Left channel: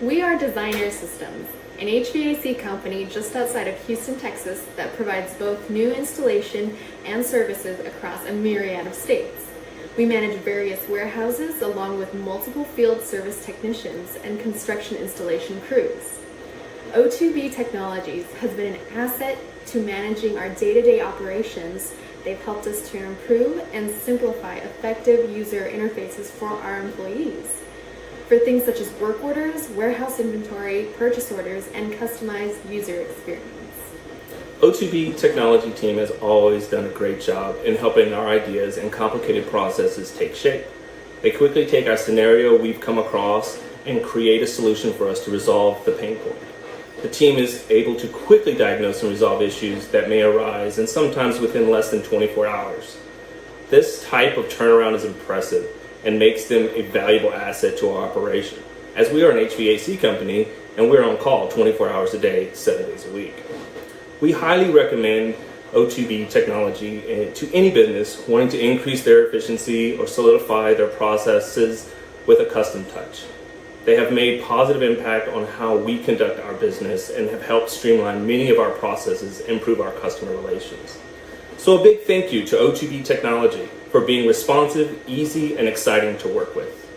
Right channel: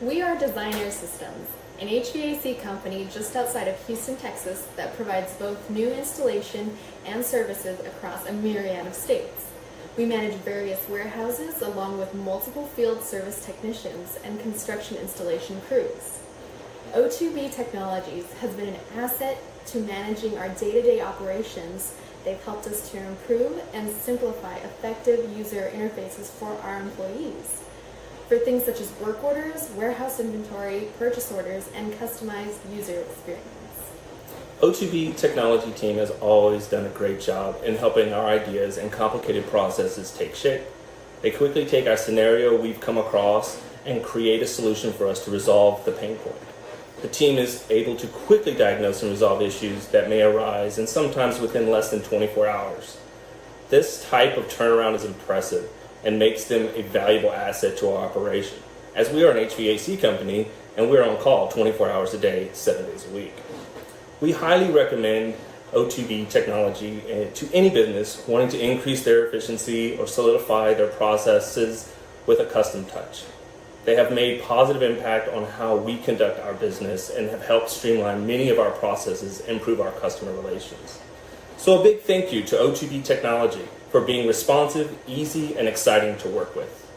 We are Designer Systems, an HVAC company just outside of Houston, Texas that provides both new installation and services across a myriad of states. We manage various warehouses along with multiple field service technicians and construction installation crews. O2b Technologies has been an asset to managing our day-to-day operations. They've helped us to improve and simplify effective user interfaces for our employees. For things such as work orders, warehouse inventory, purchase orders, and customized user experience. O2b Technology team has always done a great job in helping our ideas and complicated processes take shape. They quickly take our scenario we've come across and create a solution for us to resolve the pain point. The team is able to quickly diagnose and resolve issues that may arise, and sometimes within less than 24 hours. This type of turnaround is impressive and makes them a valuable asset to our operation, as we are an HVAC company and we're on call 24 hours a day, 7 days a week. We highly recommend O2b Technology to any business wanting to increase their efficiency or solidify their processes with a custom touch. They have made positive impact on how we conduct our business and have helped streamline many of our processes and improve our customer relations. So a big thank you to O2b Technology for being responsive, easy, and exciting to work with.